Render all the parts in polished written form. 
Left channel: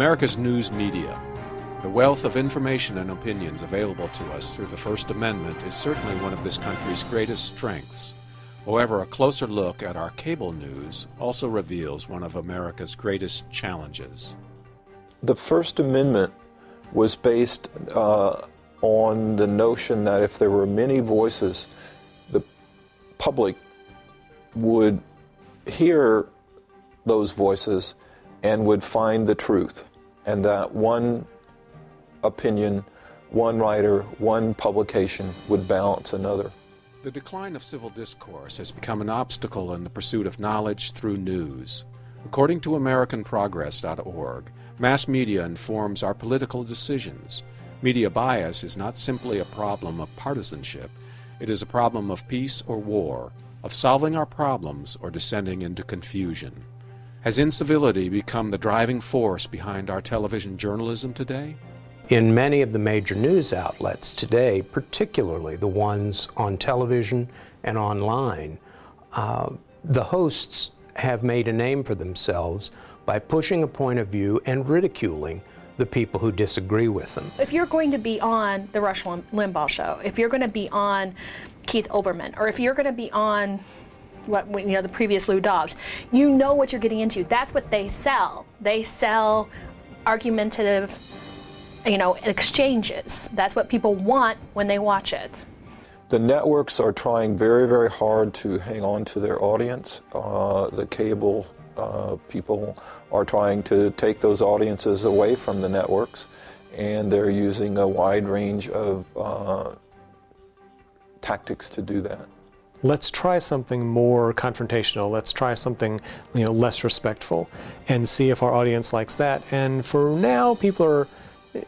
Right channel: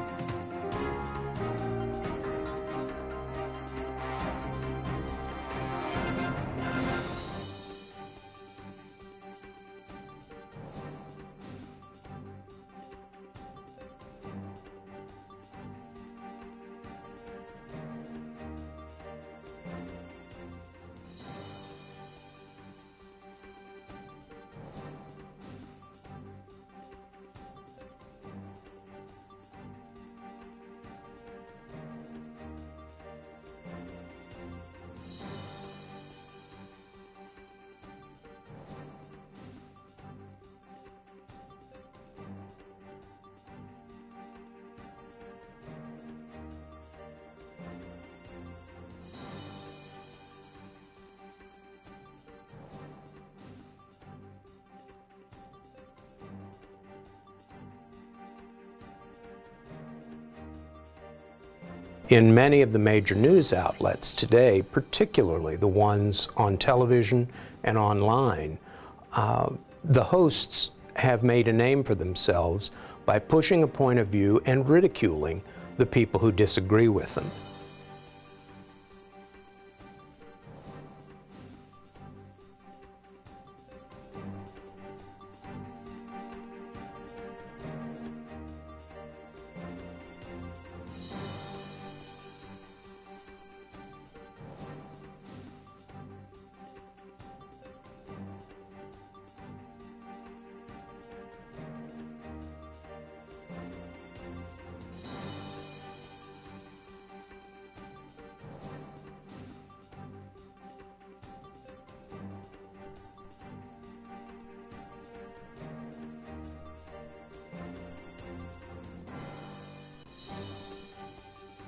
America's news media. The wealth of information and opinions available to us through the First Amendment is certainly one of this country's greatest strengths. However, a closer look at our cable news also reveals one of America's greatest challenges. The First Amendment was based on the notion that if there were many voices, the public would hear those voices and would find the truth, and that one opinion, one writer, one publication would balance another. The decline of civil discourse has become an obstacle in the pursuit of knowledge through news. According to AmericanProgress.org, mass media informs our political decisions. Media bias is not simply a problem of partisanship. It is a problem of peace or war, of solving our problems or descending into confusion. Has incivility become the driving force behind our television journalism today? In many of the major news outlets today, particularly the ones on television and online, the hosts have made a name for themselves by pushing a point of view and ridiculing the people who disagree with them. If you're going to be on the Rush Limbaugh show, if you're going to be on Keith Olbermann, or if you're going to be on the previous Lou Dobbs, you know what you're getting into. That's what they sell. They sell argumentative, exchanges. That's what people want when they watch it. The networks are trying very, very hard to hang on to their audience. The cable people are trying to take those audiences away from the networks, and they're using a wide range of tactics to do that. Let's try something more confrontational. Let's try something, less respectful, and see if our audience likes that. And for now, people are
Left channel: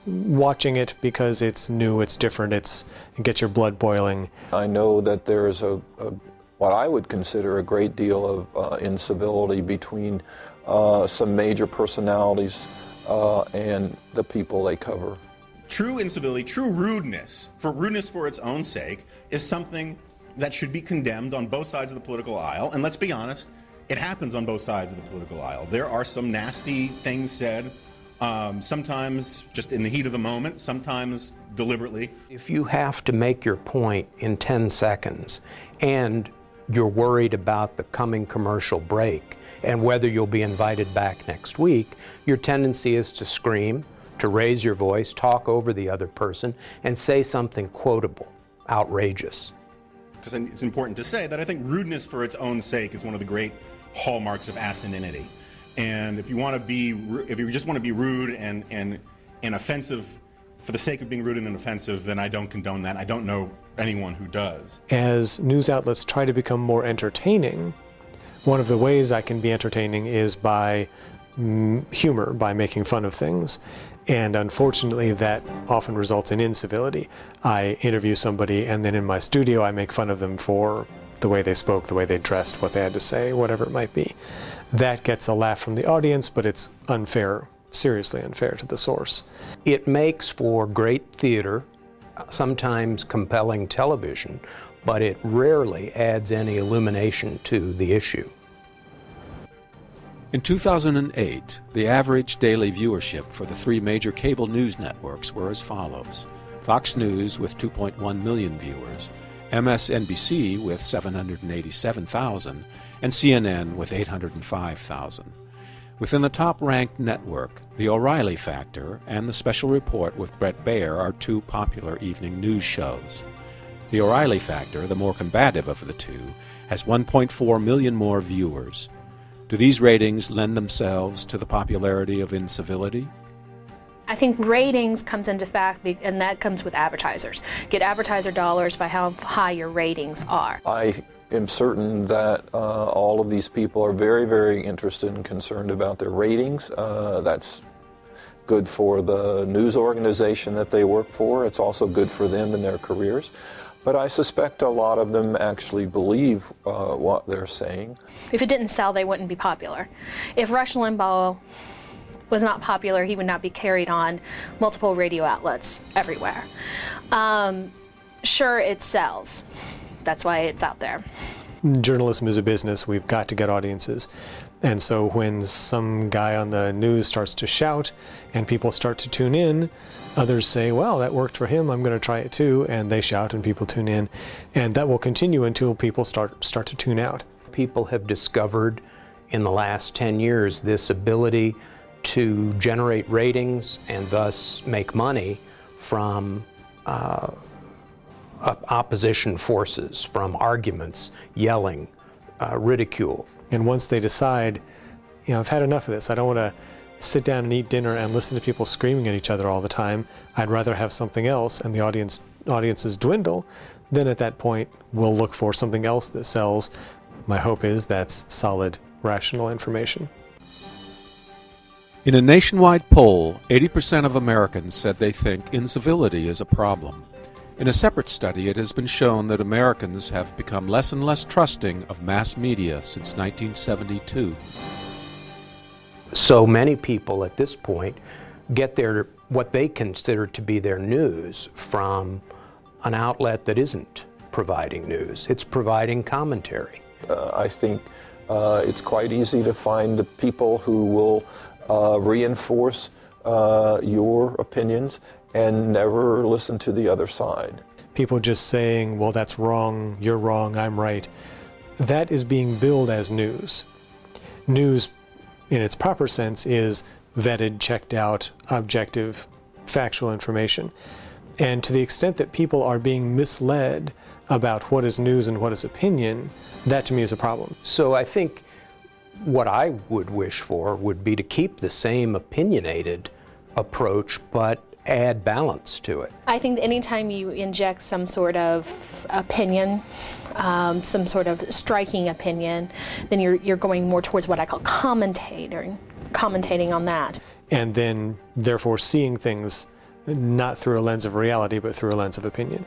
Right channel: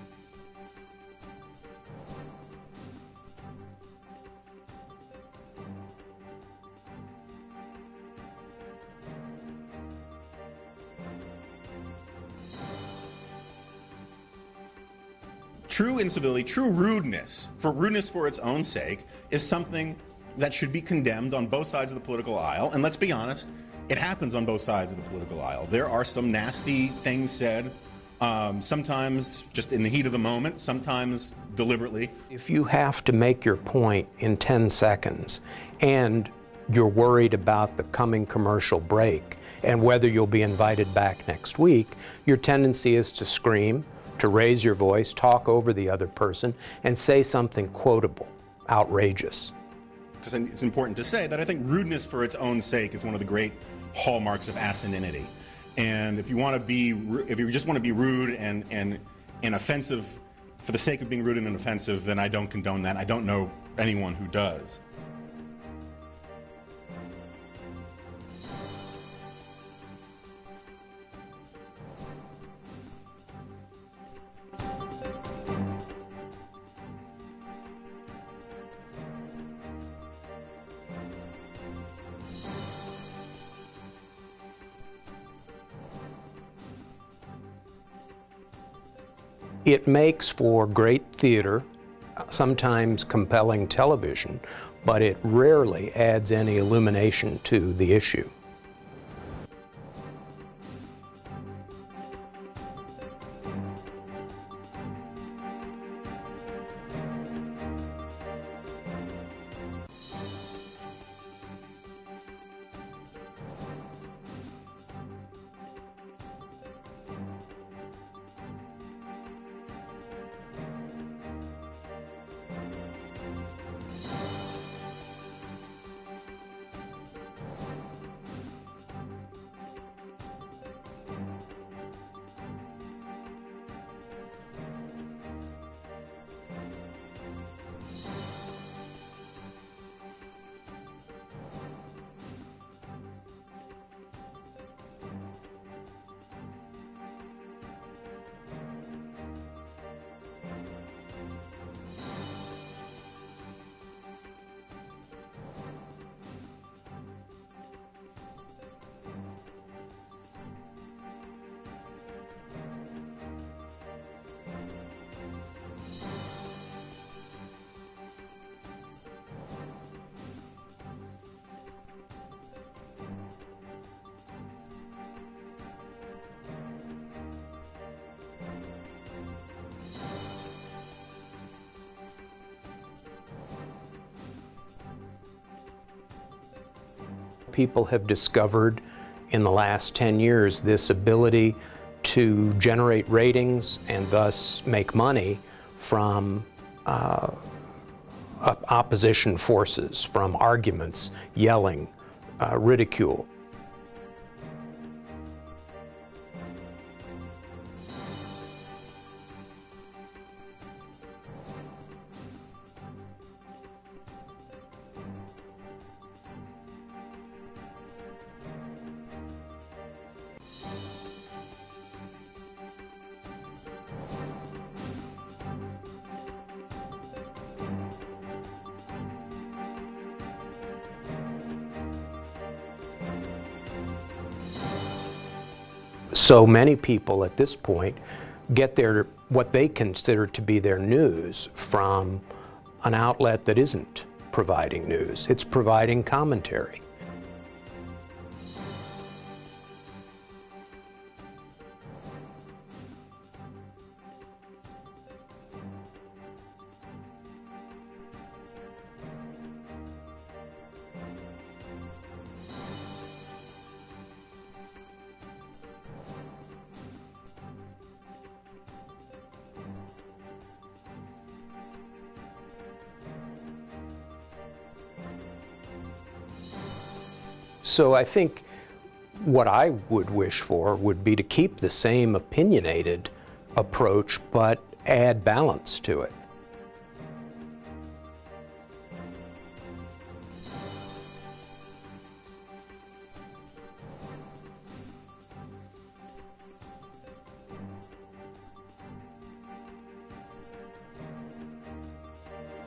watching it because it's new, it's different, it gets your blood boiling. I know that there's what I would consider a great deal of incivility between some major personalities and the people they cover. True incivility, true rudeness for its own sake, is something that should be condemned on both sides of the political aisle. And let's be honest, it happens on both sides of the political aisle. There are some nasty things said, sometimes just in the heat of the moment, sometimes deliberately. If you have to make your point in 10 seconds and you're worried about the coming commercial break and whether you'll be invited back next week, your tendency is to scream, to raise your voice, talk over the other person, and say something quotable, outrageous. Because it's important to say that I think rudeness for its own sake is one of the great hallmarks of asininity. And if you just want to be rude and offensive for the sake of being rude and offensive, then I don't condone that. I don't know anyone who does. As news outlets try to become more entertaining, one of the ways I can be entertaining is by humor, by making fun of things. And unfortunately, that often results in incivility. I interview somebody, and then in my studio, I make fun of them for the way they spoke, the way they dressed, what they had to say, whatever it might be. That gets a laugh from the audience, but it's unfair, seriously unfair to the source. It makes for great theater, sometimes compelling television, but it rarely adds any illumination to the issue. In 2008, the average daily viewership for the three major cable news networks were as follows: Fox News with 2.1 million viewers, MSNBC with 787,000, and CNN with 805,000. Within the top-ranked network, The O'Reilly Factor and The Special Report with Bret Baier are two popular evening news shows. The O'Reilly Factor, the more combative of the two, has 1.4 million more viewers. Do these ratings lend themselves to the popularity of incivility? I think ratings comes into fact, and that comes with advertisers. Get advertiser dollars by how high your ratings are. I am certain that all of these people are very, very interested and concerned about their ratings. That's good for the news organization that they work for. It's also good for them in their careers. But I suspect a lot of them actually believe what they're saying. If it didn't sell, they wouldn't be popular. If Rush Limbaugh was not popular, he would not be carried on multiple radio outlets everywhere. Sure, it sells. That's why it's out there. Journalism is a business. We've got to get audiences. And so when some guy on the news starts to shout and people start to tune in, others say, well, that worked for him, I'm going to try it too, and they shout and people tune in. And that will continue until people start to tune out. People have discovered in the last 10 years this ability to generate ratings and thus make money from opposition forces, from arguments, yelling, ridicule. And once they decide, you know, I've had enough of this, I don't want to sit down and eat dinner and listen to people screaming at each other all the time, I'd rather have something else, and the audiences dwindle, then at that point we'll look for something else that sells. My hope is that's solid, rational information. In a nationwide poll, 80% of Americans said they think incivility is a problem. In a separate study, it has been shown that Americans have become less and less trusting of mass media since 1972. So many people at this point get what they consider to be their news from an outlet that isn't providing news. It's providing commentary. I think it's quite easy to find the people who will reinforce your opinions and never listen to the other side. People just saying, well, that's wrong, you're wrong, I'm right. That is being billed as news. News, in its proper sense, is vetted, checked out, objective, factual information. And to the extent that people are being misled about what is news and what is opinion, that to me is a problem. So I think what I would wish for would be to keep the same opinionated approach, but add balance to it. I think anytime you inject some sort of opinion, some sort of striking opinion, then you're going more towards what I call commentating on that. And then, therefore, seeing things not through a lens of reality, but through a lens of opinion.